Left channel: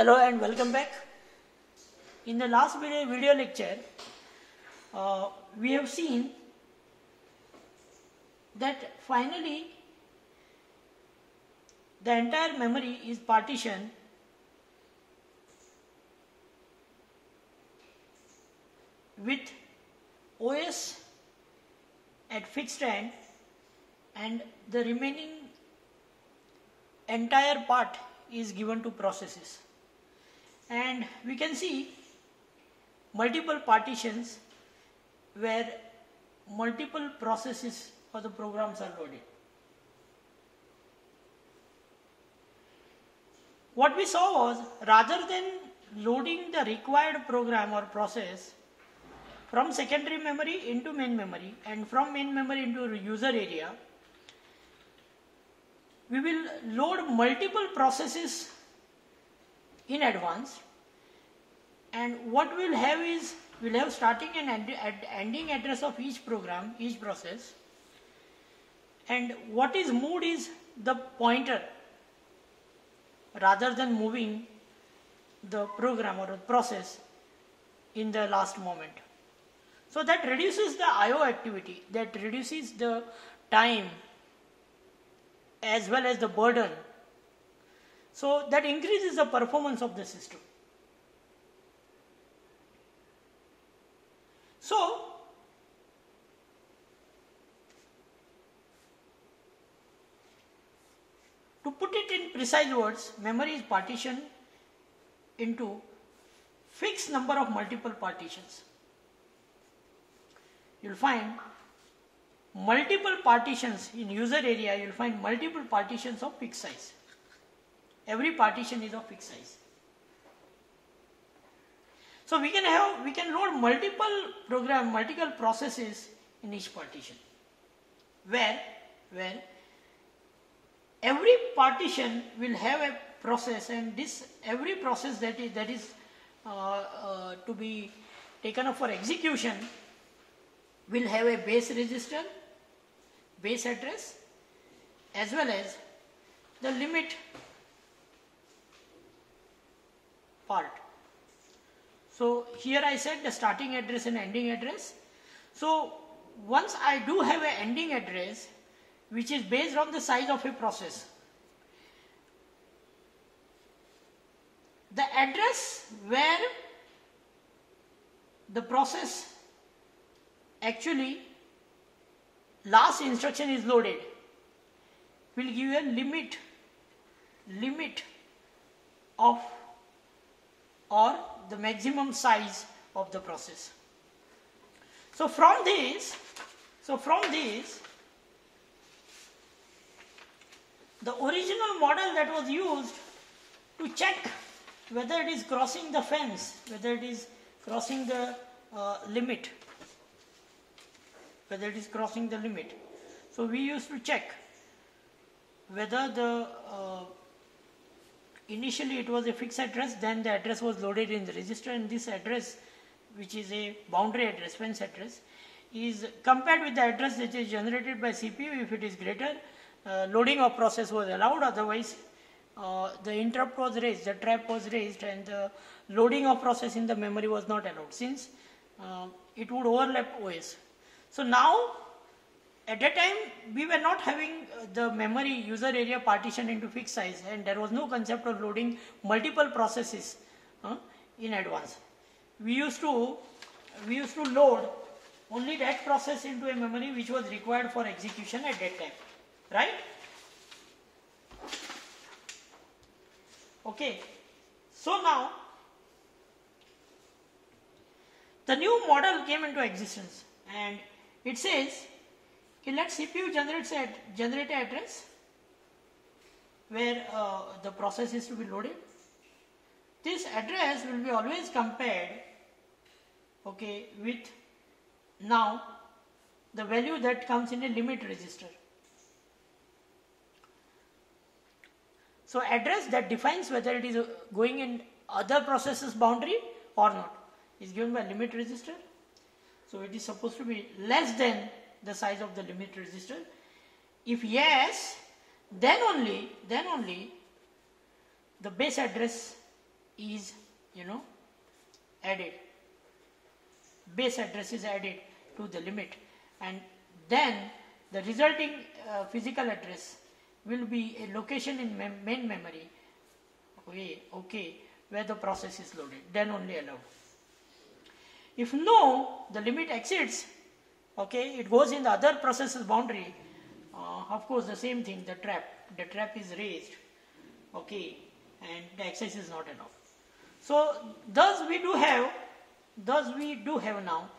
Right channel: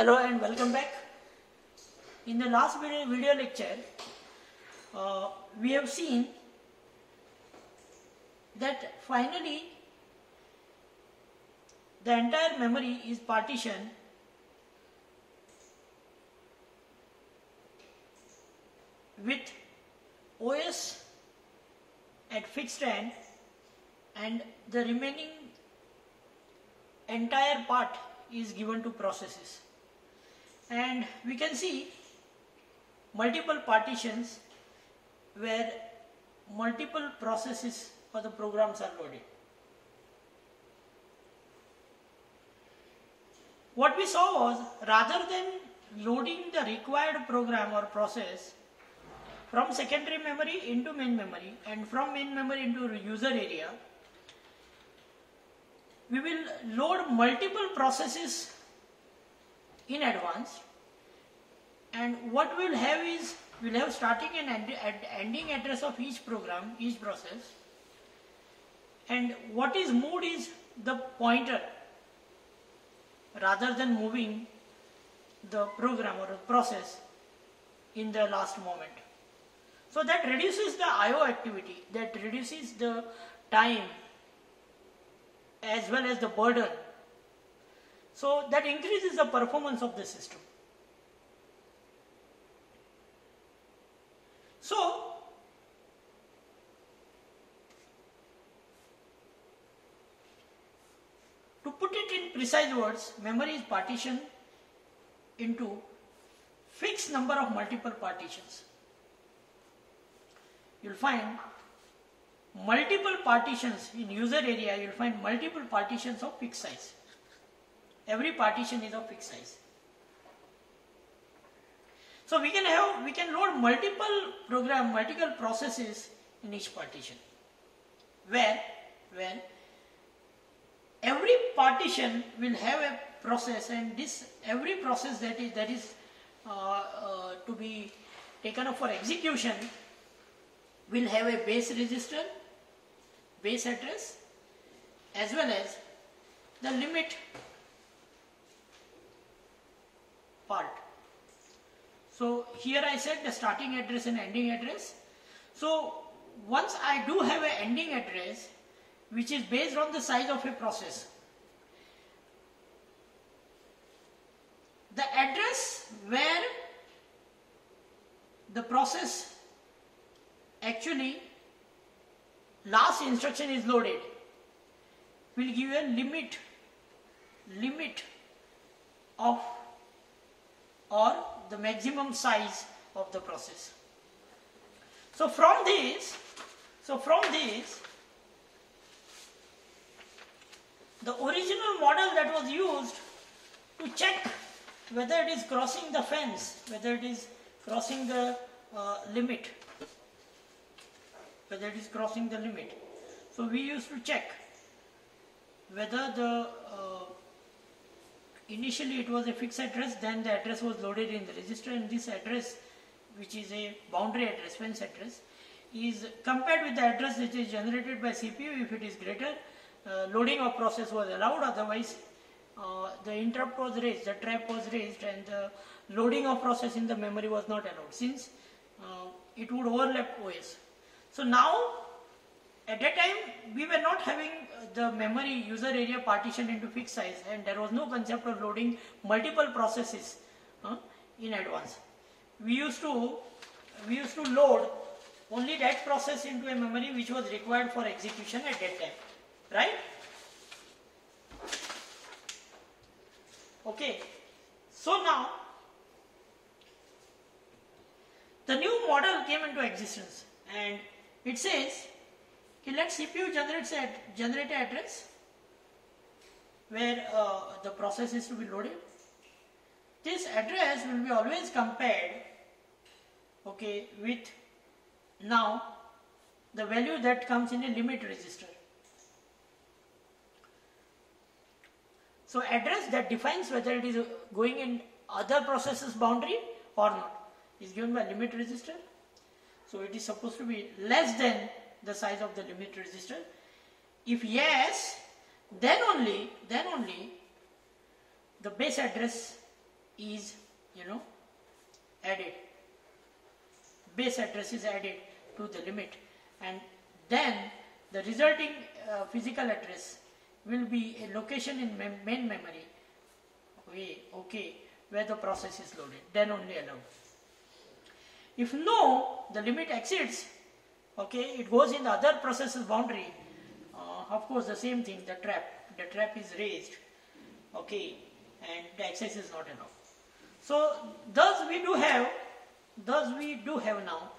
Hello and welcome back. In the last video lecture, we have seen that finally the entire memory is partitioned with OS at fixed end and the remaining entire part is given to processes. And we can see multiple partitions where multiple processes for the programs are loaded. What we saw was, rather than loading the required program or process from secondary memory into main memory and from main memory into user area, we will load multiple processes in advance, and what we'll have is we'll have starting and ending address of each program, each process, and what is moved is the pointer rather than moving the program or the process in the last moment. So that reduces the IO activity, that reduces the time as well as the burden. So that increases the performance of the system. So to put it in precise words, memory is partitioned into fixed number of multiple partitions. You'll find multiple partitions in user area, you'll find multiple partitions of fixed size. Every partition is of fixed size. So we can load multiple processes in each partition, where every partition will have a process, and this every process that is to be taken up for execution will have a base register, base address, as well as the limit part. So here I said the starting address and ending address. So once I do have an ending address which is based on the size of a process, the address where the process actually last instruction is loaded will give you a limit of or the maximum size of the process. So from this the original model that was used to check whether it is crossing the fence, whether it is crossing the limit, So we used to check whether the initially it was a fixed address, then the address was loaded in the register, and this address, which is a boundary address, fence address, is compared with the address that is generated by CPU. If it is greater, loading of process was allowed, otherwise the interrupt was raised, the trap was raised, and the loading of process in the memory was not allowed, since it would overlap OS. So now, at that time, we were not having the memory user area partitioned into fixed size, and there was no concept of loading multiple processes in advance. We used to load only that process into a memory which was required for execution at that time, right? Okay. So now, the new model came into existence, and it says, let CPU generate an address where the process is to be loaded. This address will be always compared, okay, with now the value that comes in a limit register. So address that defines whether it is going in other processes boundary or not is given by limit register. So it is supposed to be less than the size of the limit register. If yes, then only the base address is, added. Base address is added to the limit, and then the resulting physical address will be a location in main memory, where the process is loaded, then only allowed. If no, the limit exceeds, it goes in the other process's boundary, of course the same thing, the trap is raised, and the access is not allowed. So thus we do have now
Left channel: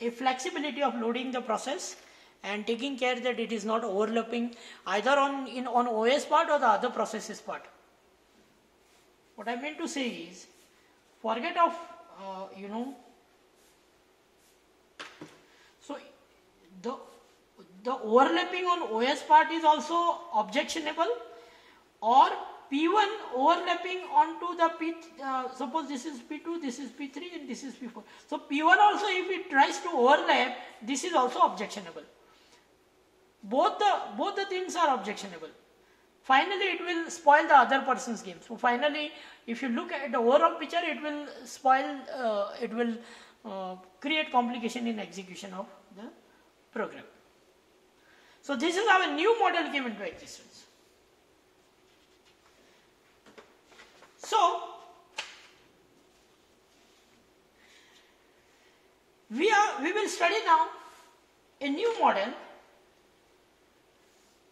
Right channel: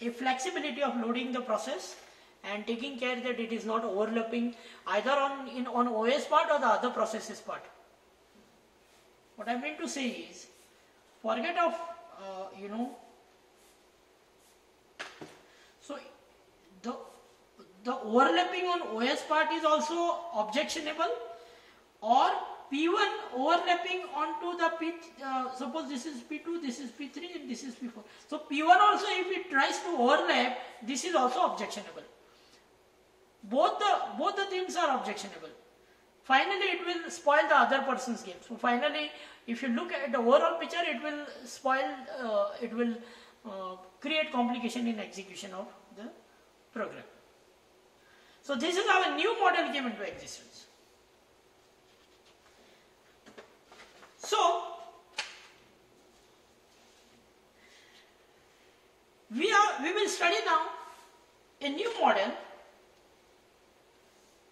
a flexibility of loading the process and taking care that it is not overlapping either on OS part or the other processes part. What I meant to say is, forget of so the overlapping on OS part is also objectionable, or P1 overlapping onto the suppose this is P2, this is P3 and this is P4. So P1 also, if it tries to overlap, this is also objectionable. Both the things are objectionable. Finally, it will spoil the other person's game. So finally, if you look at the overall picture, it will spoil, it will create complication in execution of the program. So this is how a new model came into existence. So we will study now a new model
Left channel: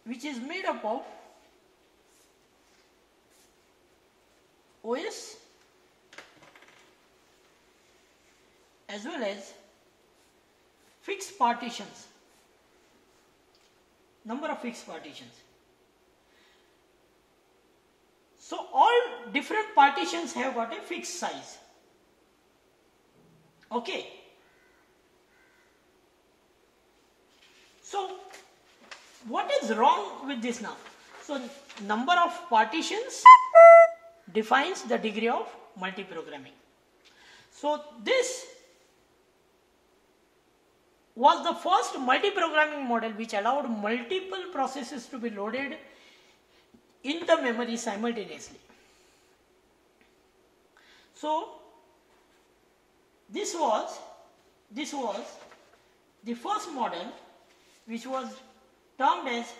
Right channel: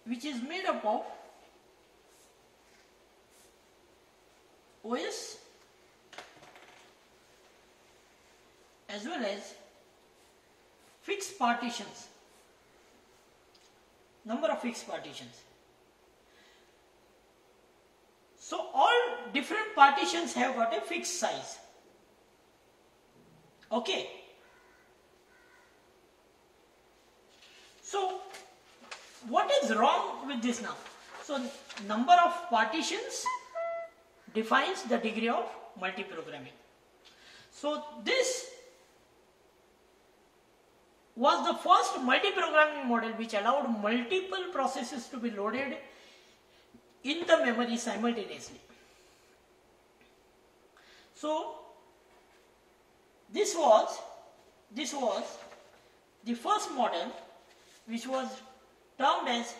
which is made up of OS as well as fixed partitions, number of fixed partitions. So all different partitions have got a fixed size. So what is wrong with this now? So number of partitions defines the degree of multiprogramming. So this was the first multiprogramming model which allowed multiple processes to be loaded in the memory simultaneously. So this was the first model which was termed as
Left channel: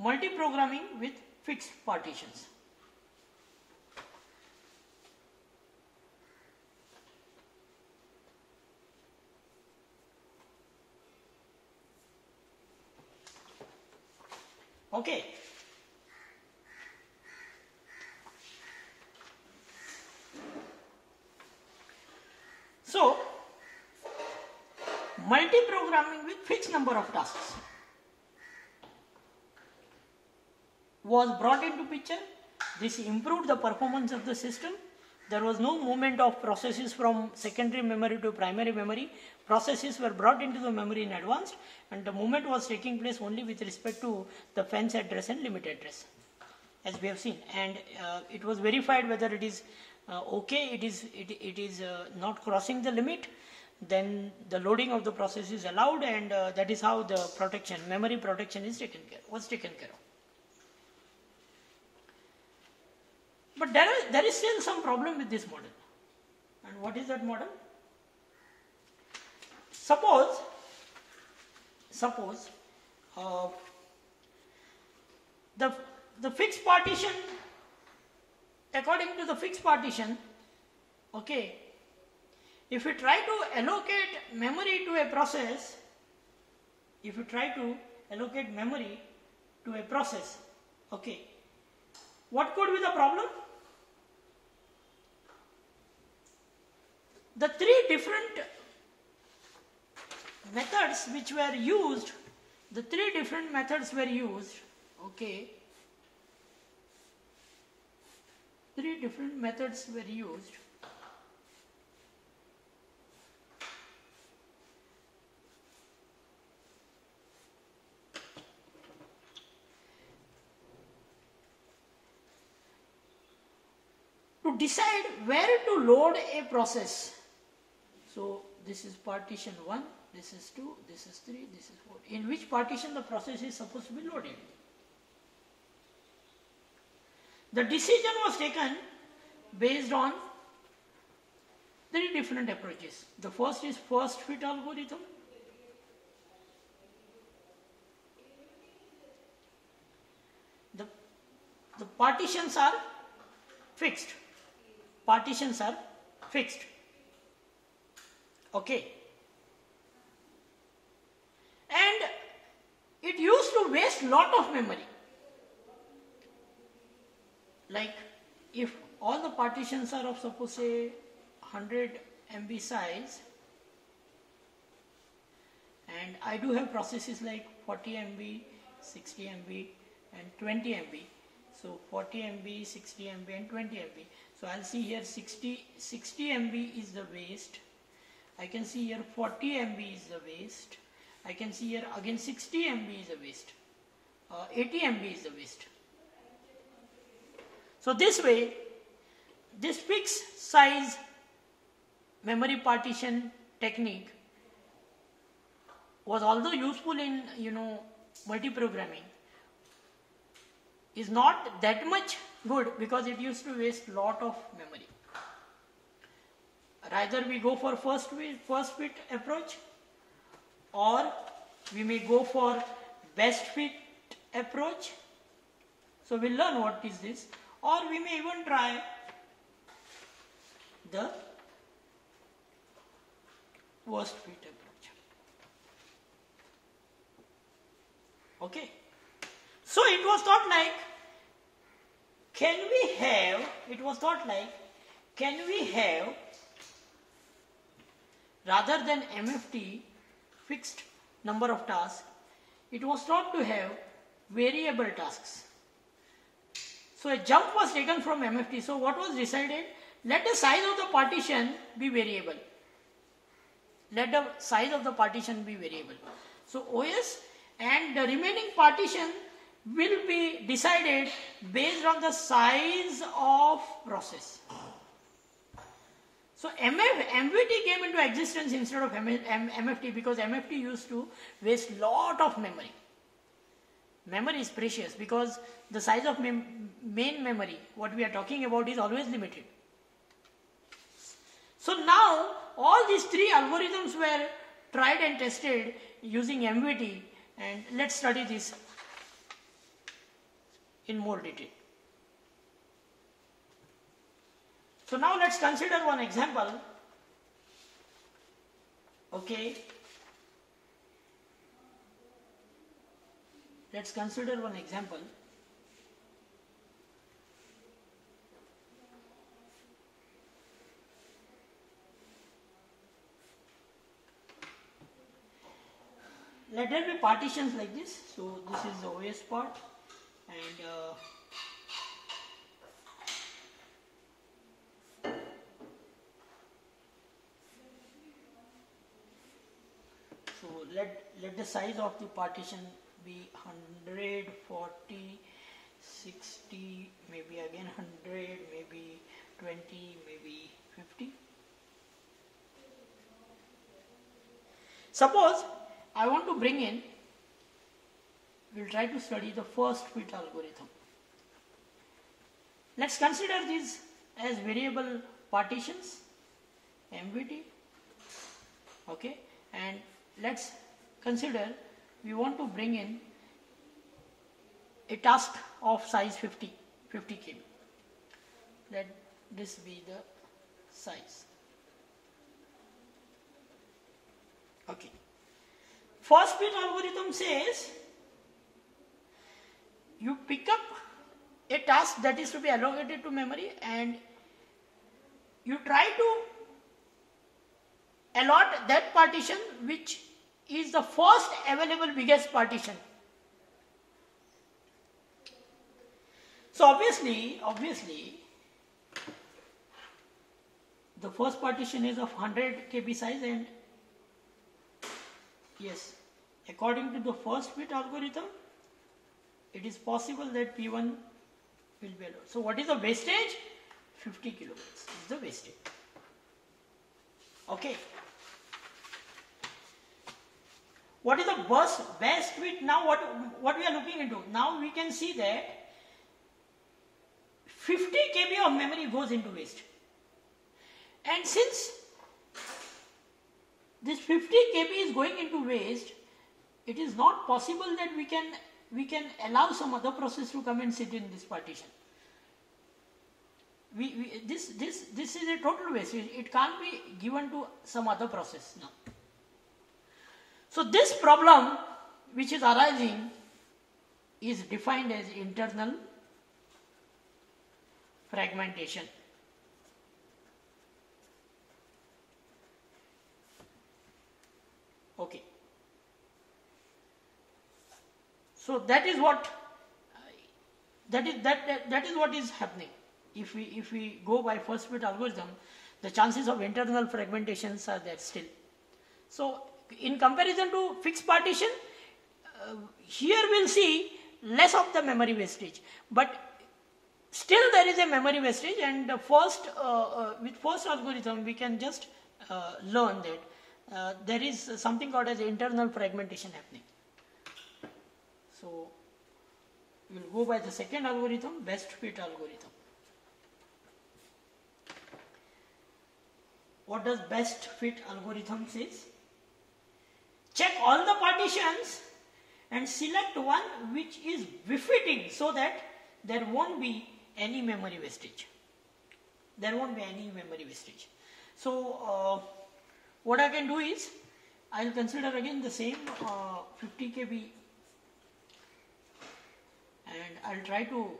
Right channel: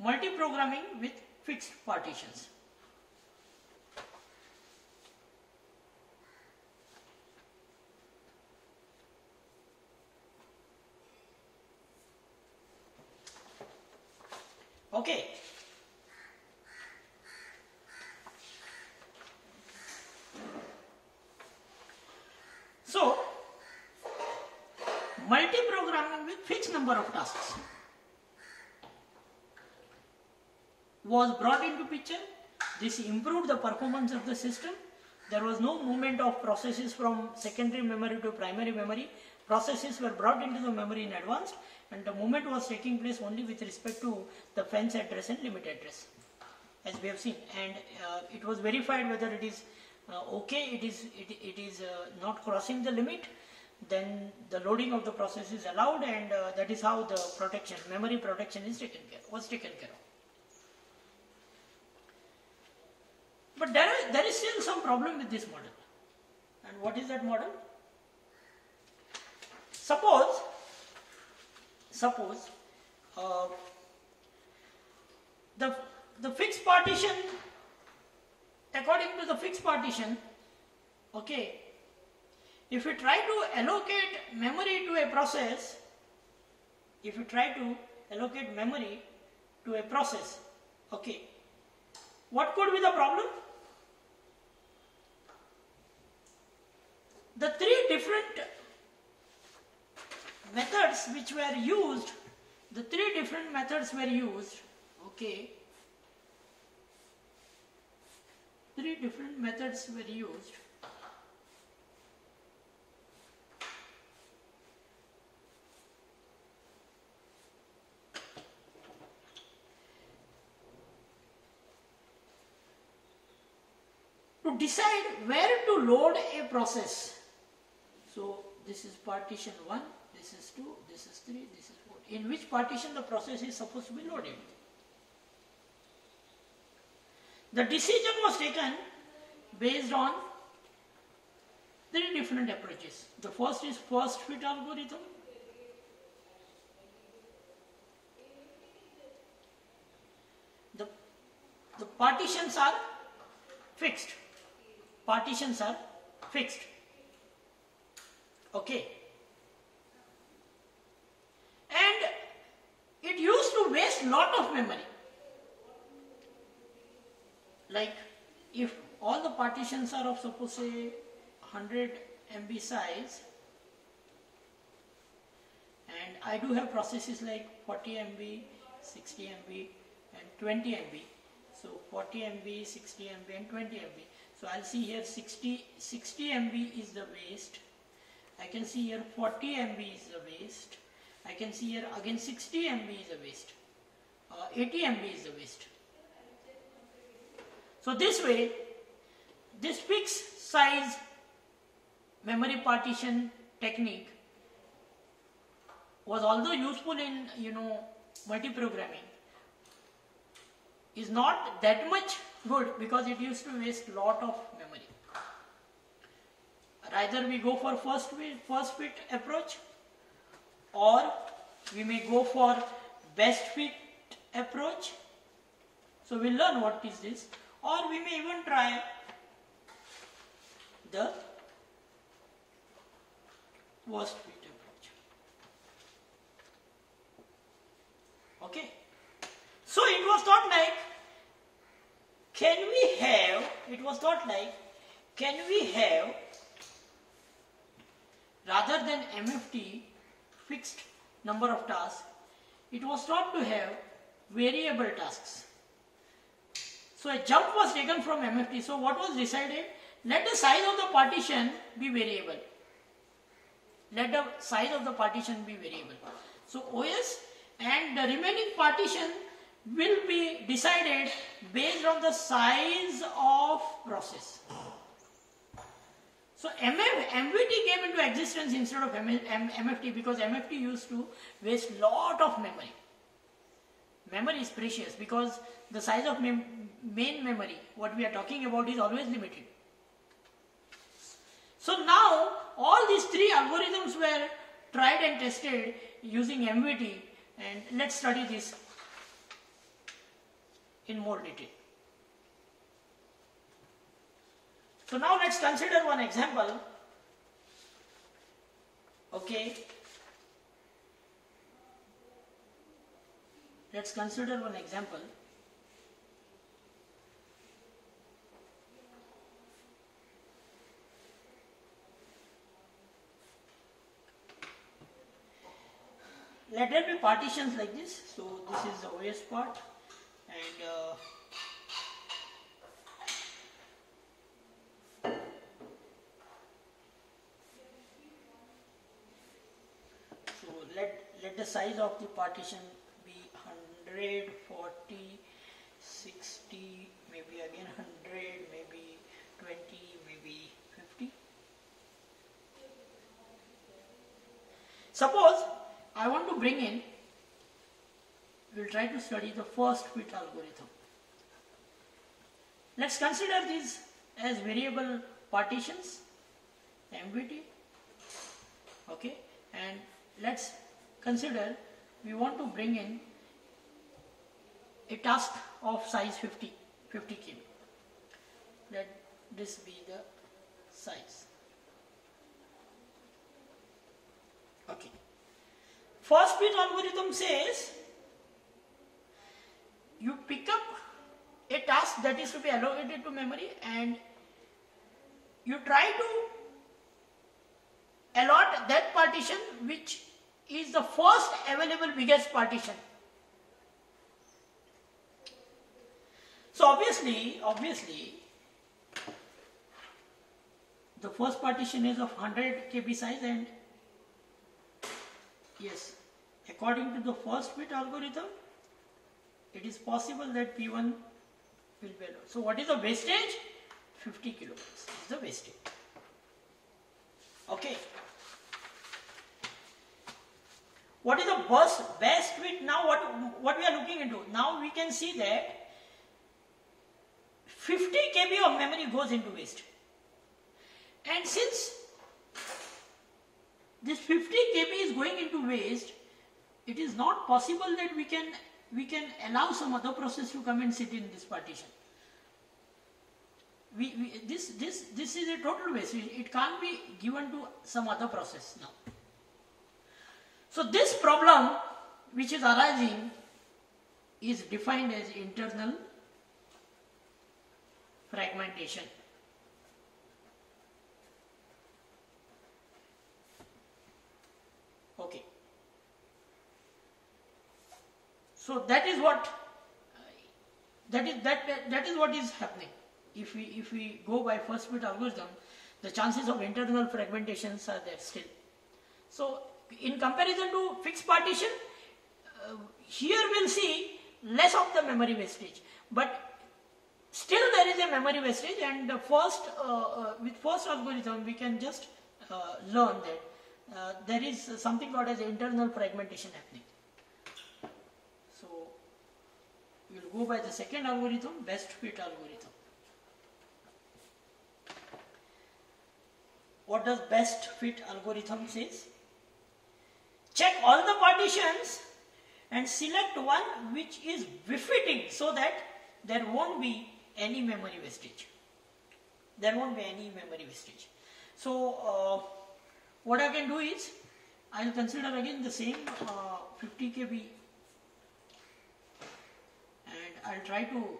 multiprogramming with fixed partitions. So multiprogramming with fixed number of tasks was brought into picture. This improved the performance of the system. There was no movement of processes from secondary memory to primary memory. Processes were brought into the memory in advance, and the movement was taking place only with respect to the fence address and limit address, as we have seen. And it was verified whether it is it is not crossing the limit, then the loading of the process is allowed, and that is how the memory protection was taken care of. But there is still some problem with this model. And what is that model? Suppose the fixed partition, according to the fixed partition, if we try to allocate memory to a process, what could be the problem? The three different methods which were used, to decide where to load a process. So this is partition 1, this is 2, this is 3, this is 4. In which partition the process is supposed to be loaded? The decision was taken based on three different approaches. The first is first fit algorithm. The partitions are fixed. Partitions are fixed. Okay. And it used to waste lot of memory. Like if all the partitions are of suppose say 100 MB size, and I do have processes like 40 MB, 60 MB and 20 MB. So 40 MB, 60 MB and 20 MB. So I'll see here 60 MB is the waste. I can see here 40 MB is the waste. I can see here again 60 MB is the waste. 80 MB is the waste. So this way, this fixed size memory partition technique was although useful in multi-programming, is not that much good because it used to waste lot of memory. Either we go for first fit approach, or we may go for best fit approach. So we'll learn what is this, or we may even try the worst fit approach. Okay. So it was not like, can we have rather than MFT fixed number of tasks, it was thought to have variable tasks. So a jump was taken from MFT. So what was decided? Let the size of the partition be variable. Let the size of the partition be variable. So OS and the remaining partition will be decided based on the size of process. So MVT came into existence instead of MFT because MFT used to waste lot of memory. Memory is precious because the size of main memory, what we are talking about, is always limited. So now all these three algorithms were tried and tested using MVT, and let's study this in more detail. So now let's consider one example. Okay. Let's consider one example. Let there be partitions like this. So this is the OS part, and so let the size of the partition be 100, 40, 60, maybe again 100, maybe 20, maybe 50. Suppose I want to bring in, we'll try to study the first fit algorithm. Let's consider these as variable partitions, MVT. Okay, and let's consider we want to bring in a task of size 50 KB. Let this be the size. Okay. First fit algorithm says you pick up a task that is to be allocated to memory and you try to allot that partition which is the first available biggest partition. So obviously the first partition is of 100 KB size, and yes, according to the first fit algorithm, it is possible that P1 will be allowed. So what is the wastage? 50 kilobytes is the wastage. Okay. What is the best fit? Now what we are looking into? Now we can see that 50 KB of memory goes into waste. And since this 50 KB is going into waste, it is not possible that we can allow some other process to come and sit in this partition. This is a total waste. It can't be given to some other process now. So this problem which is arising is defined as internal fragmentation. Okay. So that is what is happening. If we go by first bit algorithm, the chances of internal fragmentations are there still. So in comparison to fixed partition, here we'll see less of the memory wastage, but still there is a memory wastage, and with first algorithm we can just learn that there is something called as internal fragmentation happening. So we'll go by the second algorithm, best fit algorithm. What does best fit algorithm says? Check all the partitions and select one which is befitting so that there won't be any memory wastage. There won't be any memory wastage. So what I can do is, I will consider again the same 50 KB, and I will try to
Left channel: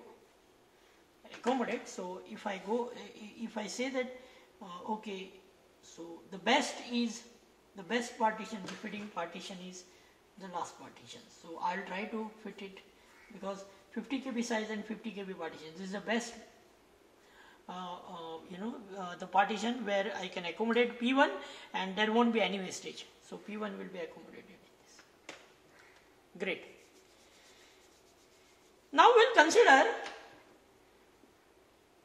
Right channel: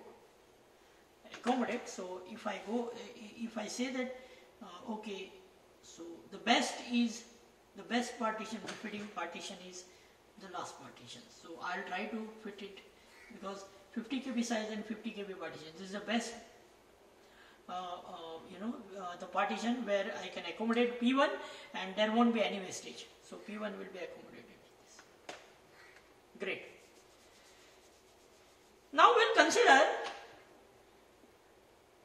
accommodate. So if I say that okay, so the best partition, befitting partition is the last partition. So I will try to fit it, because 50 KB size and 50 KB partition, this is the best the partition where I can accommodate P1 and there won't be any wastage. So P1 will be accommodated like this. Great. Now we'll consider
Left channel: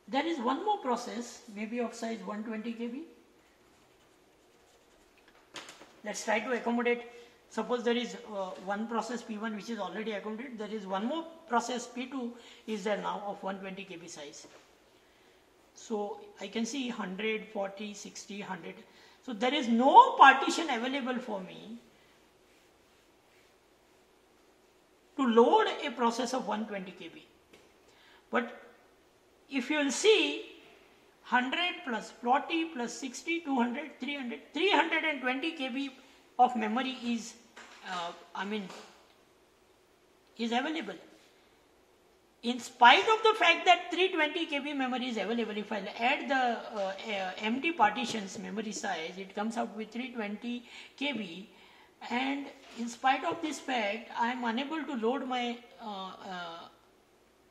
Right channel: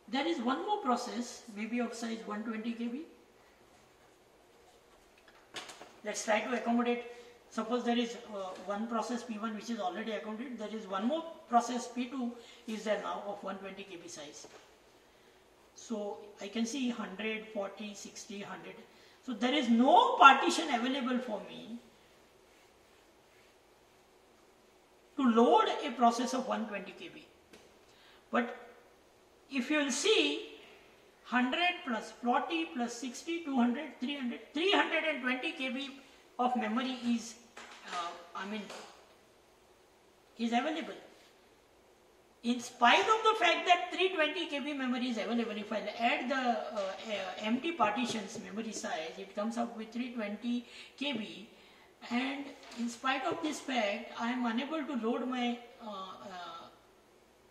there is one more process, maybe of size 120 KB. Let's try to accommodate. Suppose there is one process P1 which is already accommodated. There is one more process P2 is there now of 120 KB size. So I can see 100, 40, 60, 100. So there is no partition available for me to load a process of 120 KB. But if you will see, 100 plus 40 plus 60, 200, 300, 320 KB of memory is available. In spite of the fact that 320 KB memory is available, if I add the empty partitions memory size, it comes up with 320 KB, and in spite of this fact, I am unable to load my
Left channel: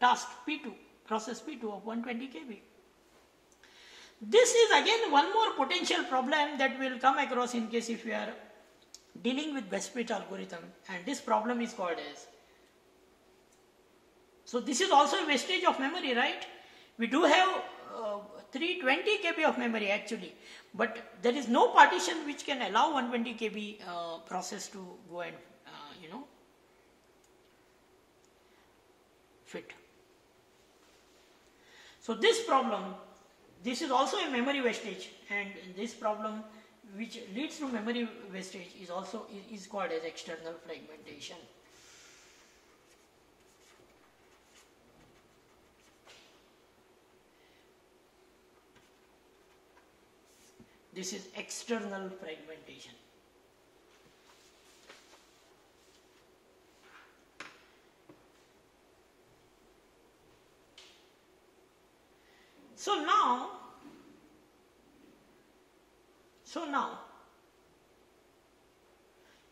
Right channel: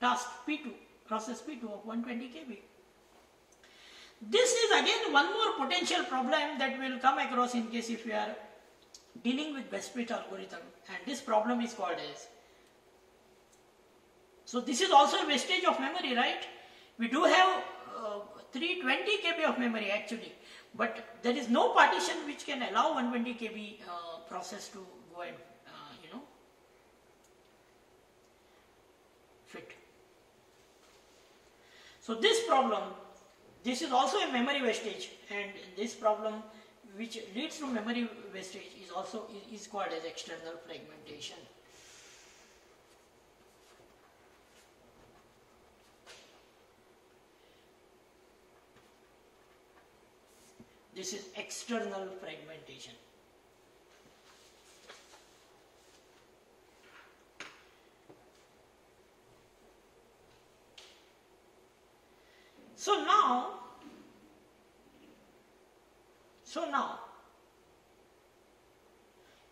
task P2, process P2 of 120 KB. This is again one more potential problem that we will come across in case if we are dealing with best fit algorithm, and this problem is called as, so this is also a wastage of memory, right? We do have 320 KB of memory actually, but there is no partition which can allow 120 KB process to go and fit. So this problem, this is also a memory wastage, and this problem which leads to memory wastage is also is called as external fragmentation. This is external fragmentation. So now,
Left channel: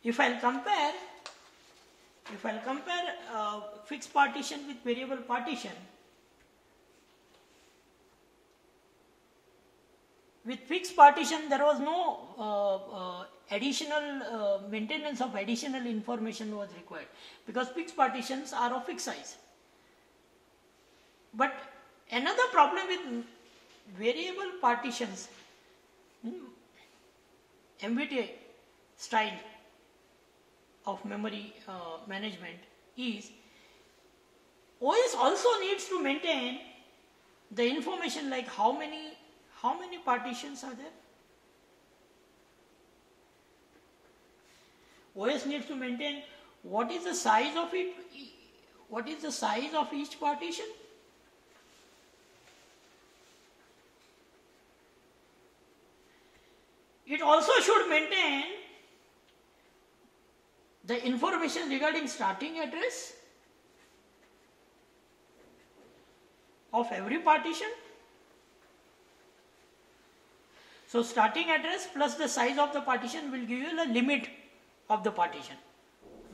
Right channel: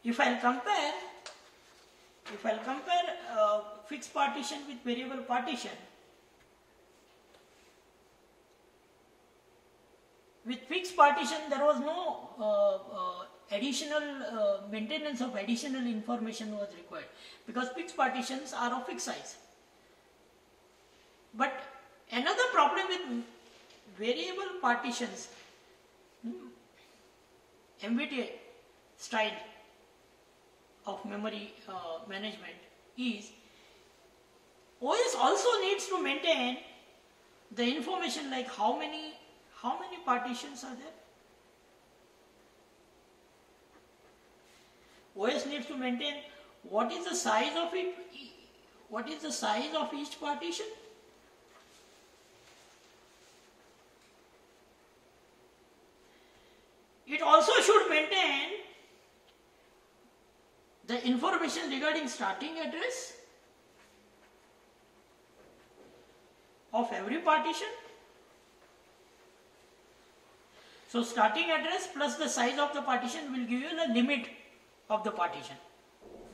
if I'll compare fixed partition with variable partition, with fixed partition there was no additional maintenance of additional information was required, because fixed partitions are of fixed size. But another problem with variable partitions, MVTA style of memory management, is OS also needs to maintain the information like how many partitions are there. OS needs to maintain what is the size of it, what is the size of each partition. It also should maintain the information regarding starting address of every partition. So starting address plus the size of the partition will give you the limit of the partition.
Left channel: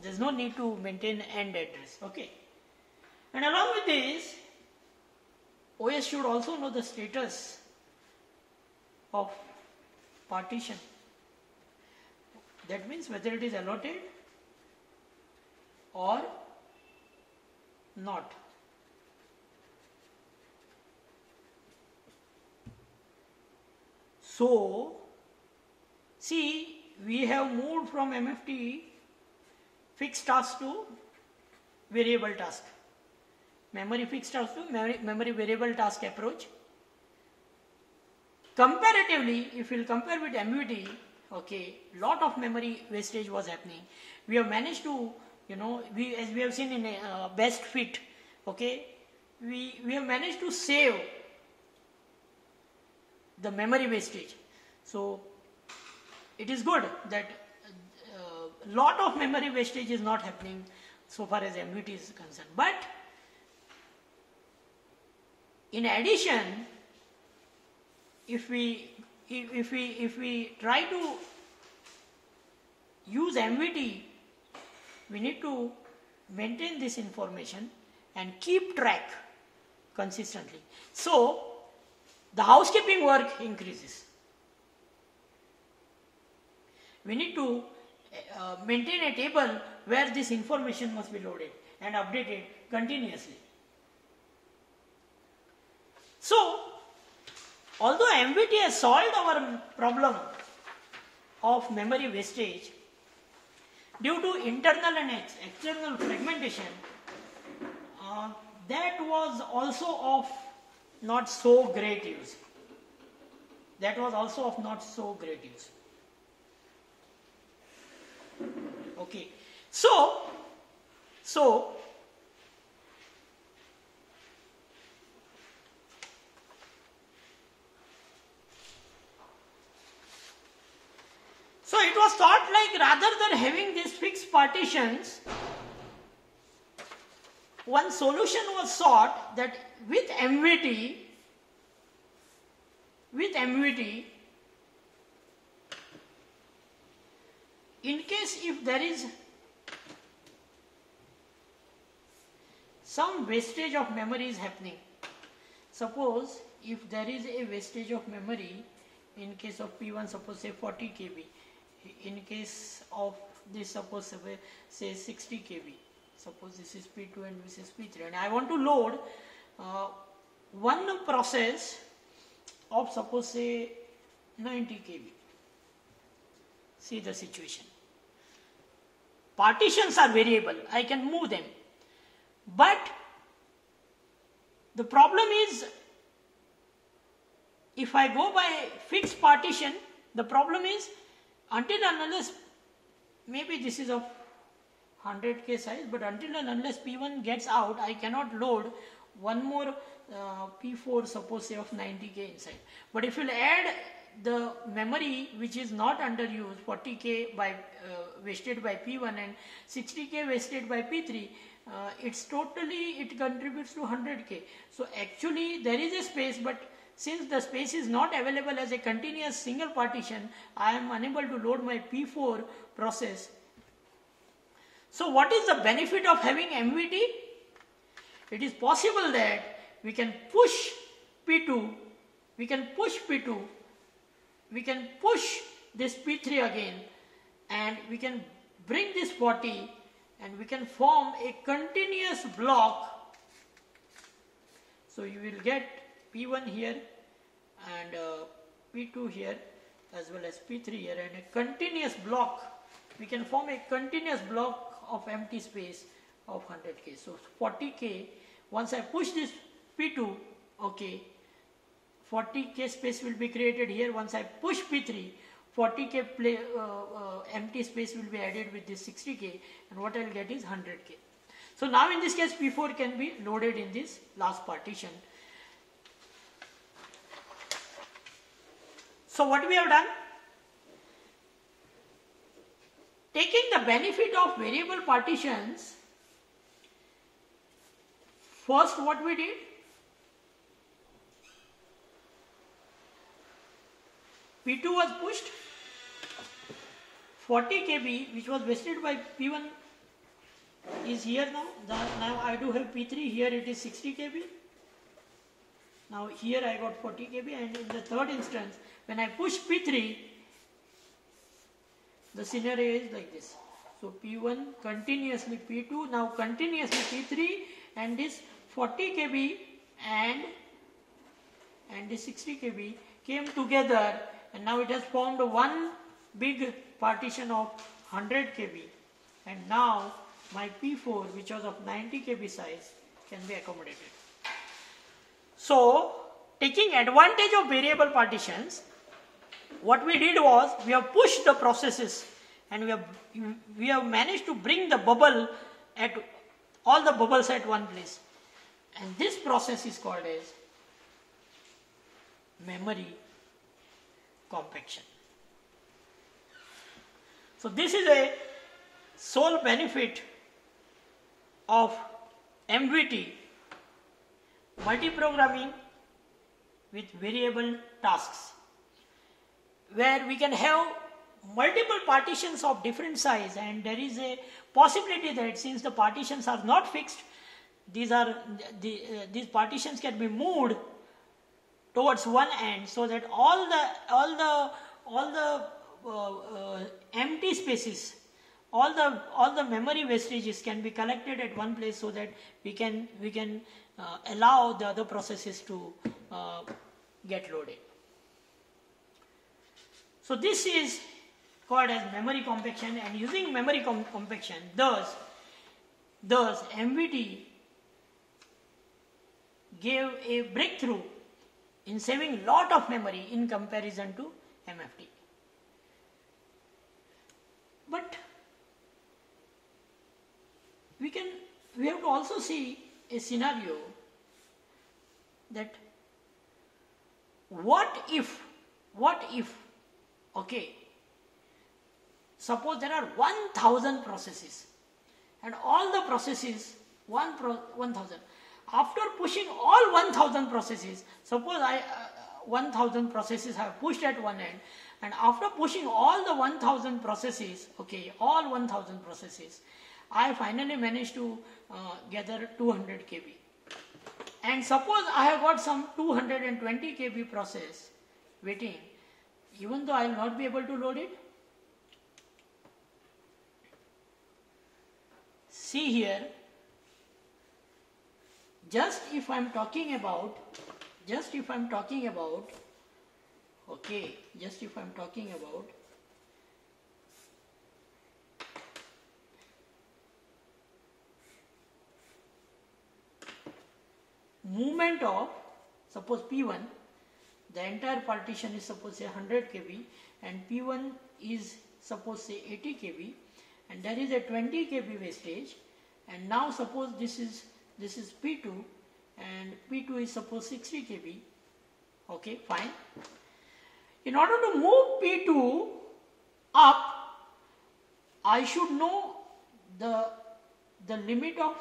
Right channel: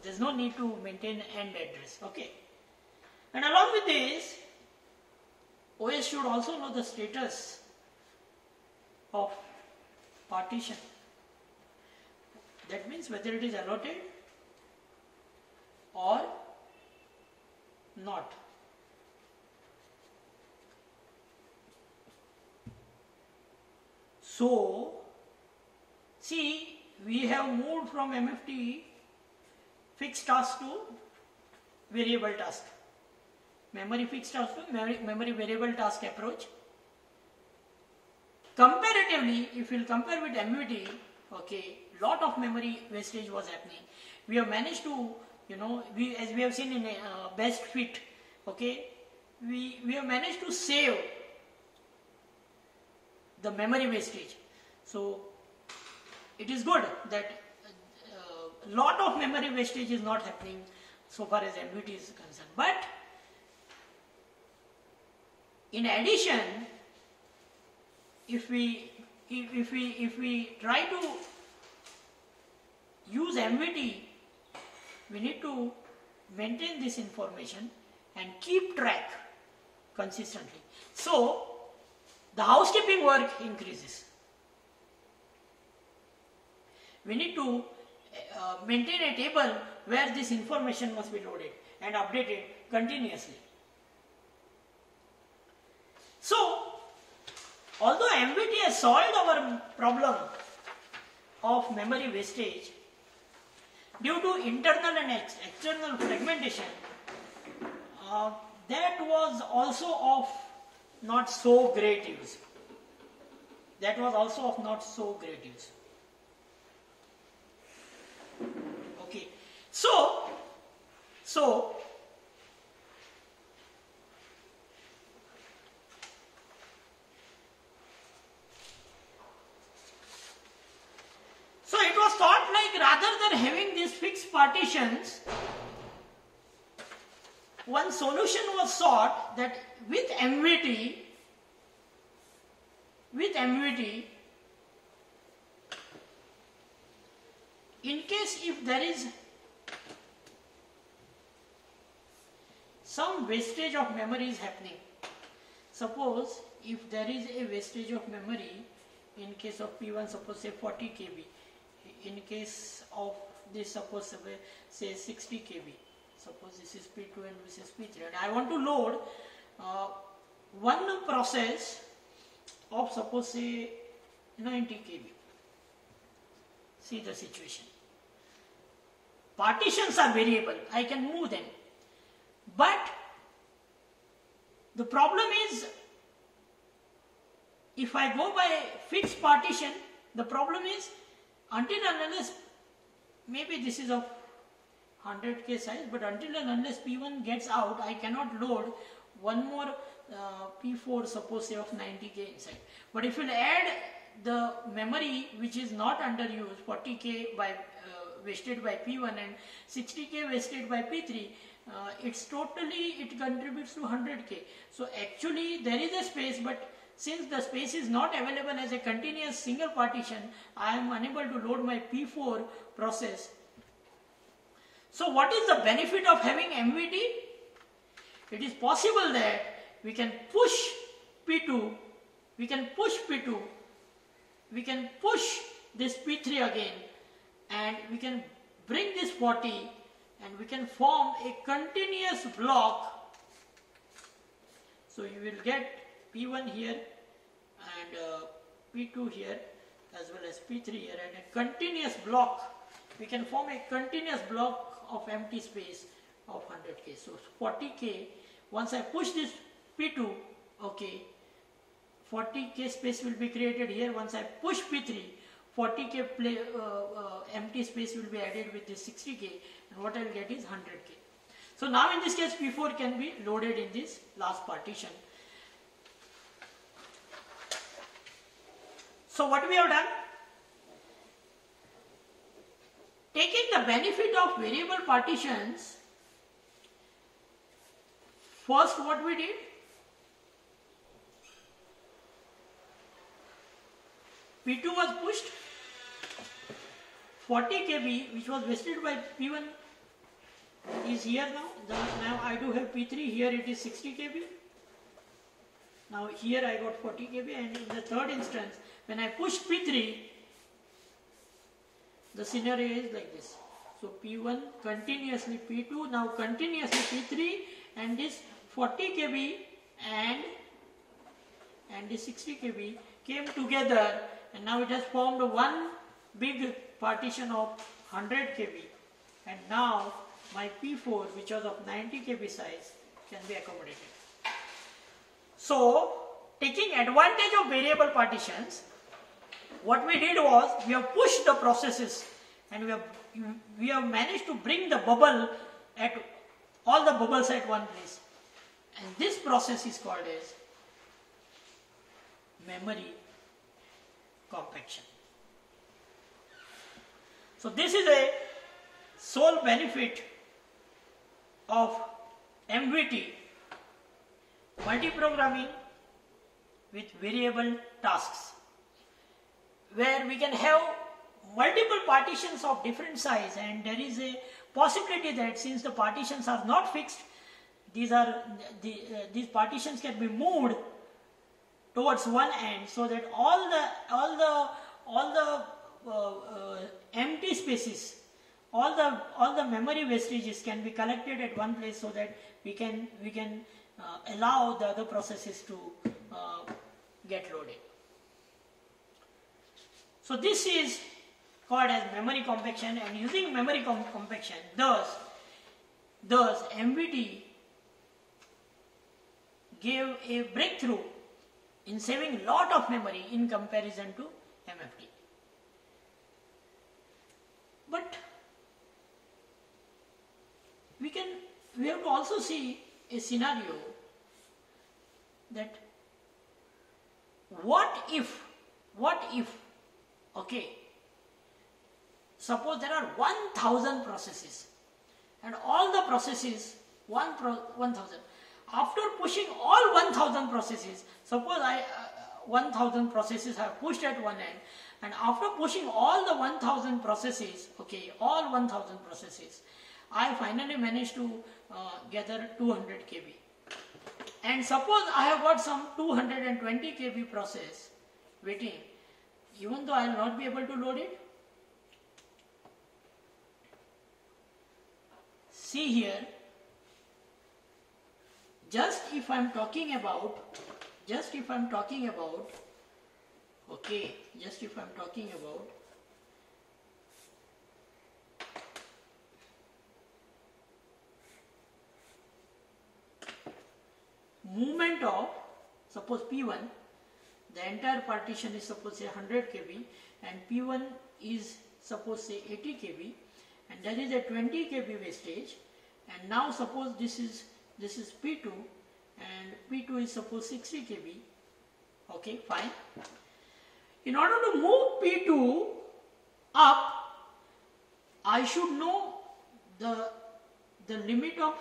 There is no need to maintain end address. Okay. And along with this, OS should also know the status of partition. That means whether it is allotted or not. So, see, we have moved from MFT fixed task to variable task. Memory fixed task to memory variable task approach. Comparatively, if we will compare with MVT, okay, lot of memory wastage was happening. We have managed to, as we have seen in best fit, okay, we have managed to save the memory wastage. So it is good that lot of memory wastage is not happening so far as MVT is concerned. But in addition, if we try to use MVT, we need to maintain this information and keep track consistently. So the housekeeping work increases. We need to maintain a table where this information must be loaded and updated continuously. So, although MVT has solved our problem of memory wastage, due to internal and external fragmentation, that was also of not so great use. That was also of not so great use. Okay. So it was thought like rather than having these fixed partitions, one solution was sought that with MVT, in case if there is some wastage of memory is happening, suppose if there is a wastage of memory in case of P1, suppose say 40 KB, in case of this suppose say 60 KB, suppose this is P2 and this is P3, and I want to load one process of suppose say 90 KB. See the situation. Partitions are variable, I can move them, but the problem is if I go by fixed partition, the problem is until and unless, maybe this is of 100K size, but until and unless P1 gets out, I cannot load one more P4 suppose say of 90K inside. But if you will add the memory which is not under use, 40K by wasted by P1 and 60K wasted by P3, it contributes to 100K. So actually there is a space, but since the space is not available as a continuous single partition, I am unable to load my P4 process. So what is the benefit of having MVT? It is possible that we can push P2, we can push this P3 again, and we can bring this 40 and we can form a continuous block. So you will get P1 here and P2 here as well as P3 here, and a continuous block. We can form a continuous block of empty space of 100K. So 40K, once I push this P2 okay, 40K space will be created here. Once I push P3, 40K empty space will be added with this 60K, and what I will get is 100K. So now in this case P4 can be loaded in this last partition. So what we have done? Taking the benefit of variable partitions, first what we did? P2 was pushed, 40 kb which was vested by P1 is here now. Now I do have P3, here it is 60 kb. Now here I got 40 kb, and in the third instance when I push P3, the scenario is like this. So P1 continuously P2, now continuously P3, and this 40 kb and this 60 kb came together, and now it has formed one big partition of 100 kb, and now my P4, which was of 90 kb size, can be accommodated. So taking advantage of variable partitions, what we did was we have pushed the processes, and we have managed to bring the bubble at all the bubbles at one place, and this process is called as memory compaction. So this is a sole benefit of MVT, multiprogramming with variable tasks, where we can have multiple partitions of different size, and there is a possibility that since the partitions are not fixed, these partitions can be moved towards one end, so that all the empty spaces, all the memory wastages can be collected at one place, so that we can allow the other processes to get loaded. So this is called as memory compaction, and using memory compaction, thus MVT gave a breakthrough in saving lot of memory in comparison to MFT. But we have to also see a scenario that what if, okay, suppose there are 1000 processes, and all the processes 1000. After pushing all 1000 processes, suppose 1000 processes are pushed at one end, and after pushing all the 1000 processes, okay, all 1000 processes, I finally managed to gather 200 kb. And suppose I have got some 220 kb process waiting, even though I will not be able to load it. See here, just if I am talking about movement of, suppose P1, the entire partition is suppose say 100 kb, and P1 is suppose say 80 kb, and there is a 20 kb wastage, and now suppose this is P2, and P2 is suppose 60 kb. Okay, fine. In order to move P2 up, I should know the limit of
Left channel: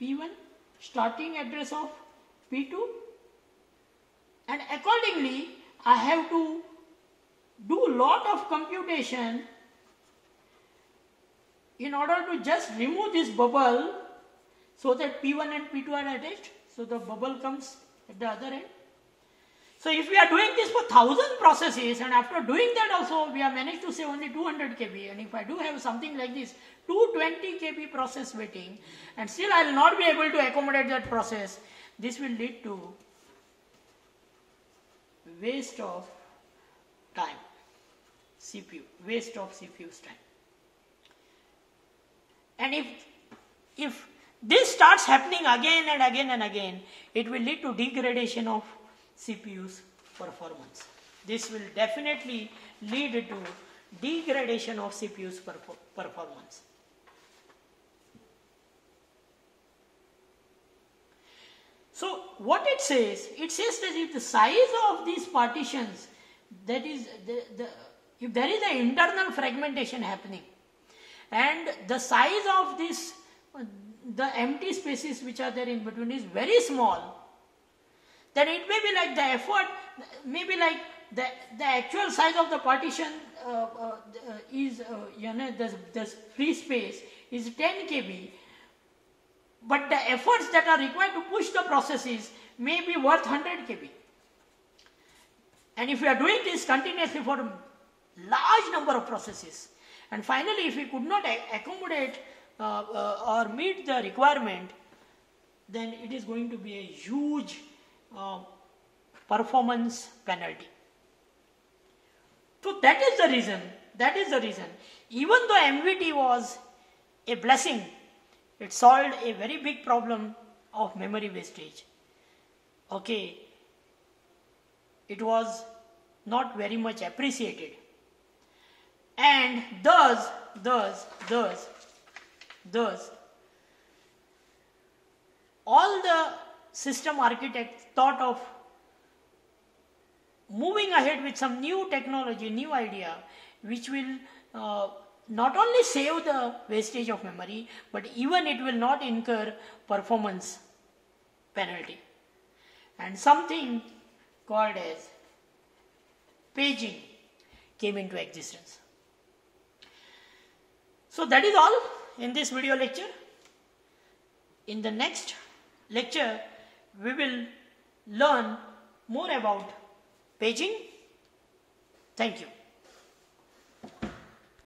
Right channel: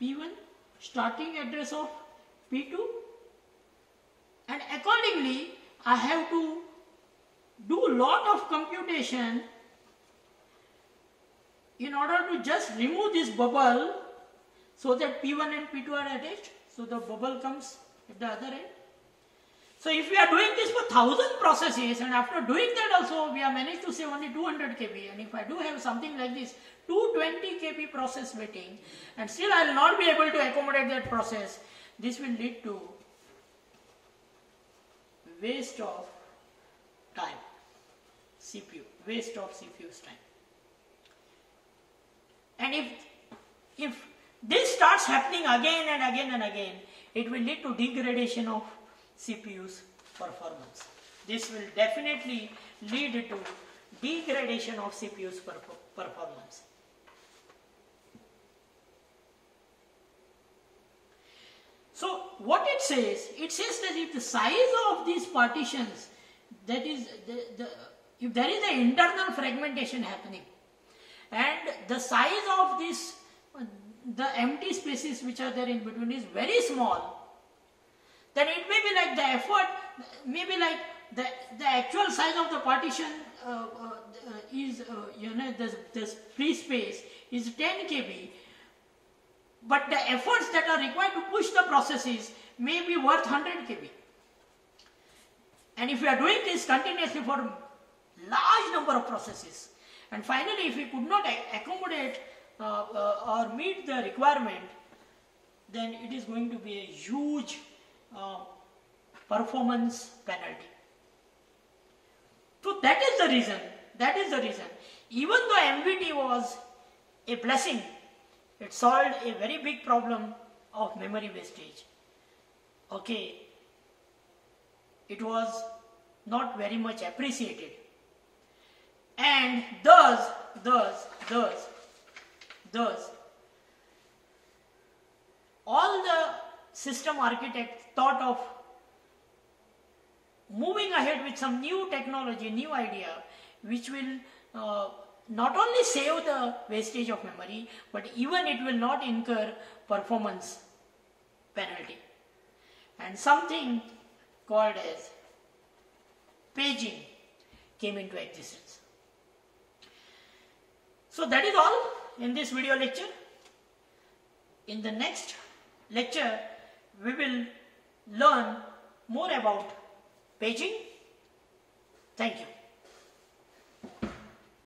P1, starting address of P2, and accordingly I have to do a lot of computation in order to just remove this bubble, so that P1 and P2 are attached, so the bubble comes at the other end. So if we are doing this for 1000 processes, and after doing that also we have managed to save only 200 kb, and if I do have something like this 220 kb process waiting, and still I will not be able to accommodate that process, this will lead to waste of time, waste of CPU's time. And if this starts happening again and again and again, it will lead to degradation of CPU's performance. This will definitely lead to degradation of CPU's performance. So what it says that if the size of these partitions, that is if there is an internal fragmentation happening and the size of this, the empty spaces which are there in between is very small, then it may be like the effort, maybe like the actual size of the partition is, the free space is 10 KB, but the efforts that are required to push the processes may be worth 100 KB. And if we are doing this continuously for large number of processes, and finally if we could not accommodate or meet the requirement, then it is going to be a huge performance penalty. So that is the reason, even though MVT was a blessing, it solved a very big problem of memory wastage. Okay, it was not very much appreciated, and thus all the system architects thought of moving ahead with some new technology, new idea, which will not only save the wastage of memory, but even it will not incur performance penalty. And something called as paging came into existence. So that is all in this video lecture. In the next lecture, we will learn more about paging. Thank you.